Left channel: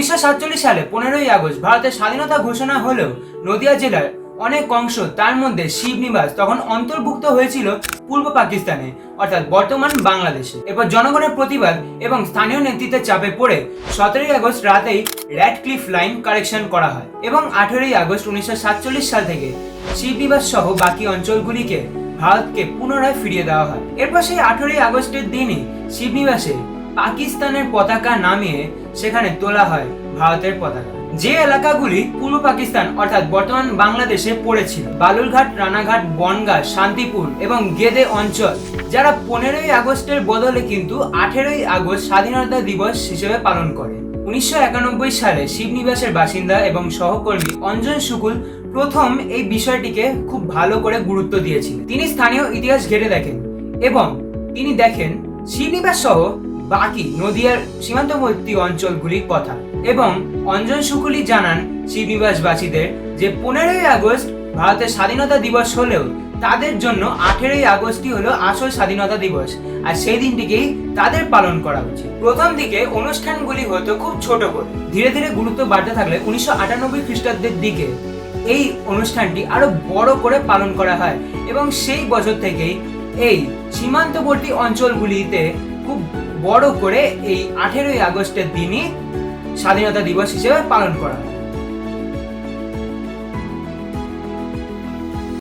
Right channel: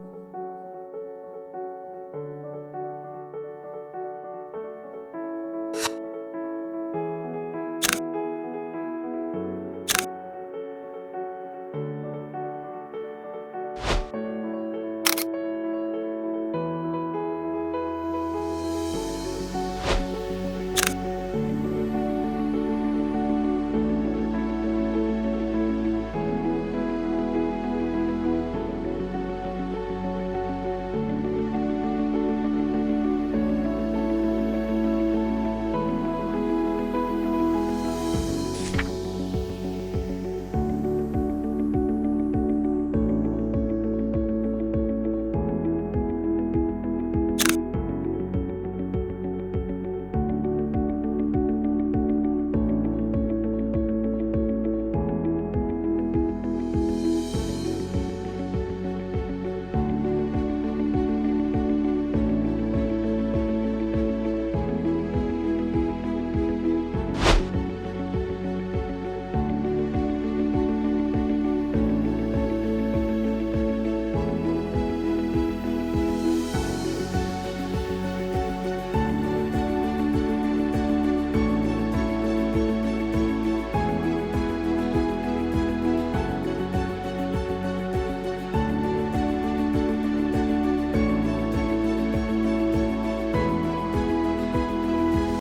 1947 সালে 15ই আগস্ট ভারতের স্বাধীনতা ঘোষণা হলেও নদিয়া জেলার অনেক অংশ, তার মধ্যে শিবনিবাস, তখন অন্তর্ভুক্ত হয়েছিল পূর্ব পাকিস্তানে, অর্থাৎ বর্তমান বাংলাদেশে। এরপর জনগণের প্রতিবাদ এবং স্থানীয় নেতৃত্বের চাপে পড়ে 17ই আগস্ট রাতেই র্যাডক্লিফ লাইন কারেকশন করা হয় এবং 18ই আগস্ট 1947 সাল থেকে শিবনিবাস সহ বাকি অঞ্চলগুলিকে ভারতকে পুনরায় ফিরিয়ে দেওয়া হয়। এরপর সেই 18ই আগস্টের দিনই শিবনিবাসে পাকিস্তানের পতাকা নামিয়ে সেখানে তোলা হয় ভারতের পতাকা। যে এলাকাগুলি পূর্ব পাকিস্তান অর্থাৎ বর্তমান বাংলাদেশে পড়েছিল, বালুরঘাট, রানাঘাট, বনগাঁ, শান্তিপুর এবং গেদে অঞ্চল, যারা 15ই আগস্টের বদলে কিন্তু 18ই আগস্ট স্বাধীনতা দিবস হিসেবে পালন করে। 1991 সালে শিবনিবাসের বাসিন্দা এবং সহকর্মী অঞ্জন শুকুল প্রথম এই বিষয়টিকে খুব ভালো করে গুরুত্ব দিয়েছিলেন। তিনি স্থানীয় ইতিহাস ঘেটে দেখেন এবং তিনি দেখেন শিবনিবাস সহ বাকি নদিয়ার সীমান্তবর্তী অঞ্চলগুলির কথা, এবং অঞ্জন শুকুলি জানান শিবনিবাসবাসীদের যে 15ই আগস্ট ভারতের স্বাধীনতা দিবস হলেও তাদের জন্য 18ই আগস্টই হলো আসল স্বাধীনতা দিবস, আর সেই দিনটিকেই তাদের পালন করা উচিত। প্রথম দিকে অনুষ্ঠানগুলি হতো খুব ছোট করে, ধীরে ধীরে গুরুত্ব বাড়তে থাকলে 1998 খ্রিস্টাব্দের দিকে এই অনুষ্ঠানটি আরো বড় করে পালন করা হয় এবং সেই বছর থেকেই এই সীমান্তবর্তী অঞ্চলগুলিতে খুব বড় করে এই 18ই আগস্টের দিনই স্বাধীনতা দিবস হিসেবে পালন করা হয়।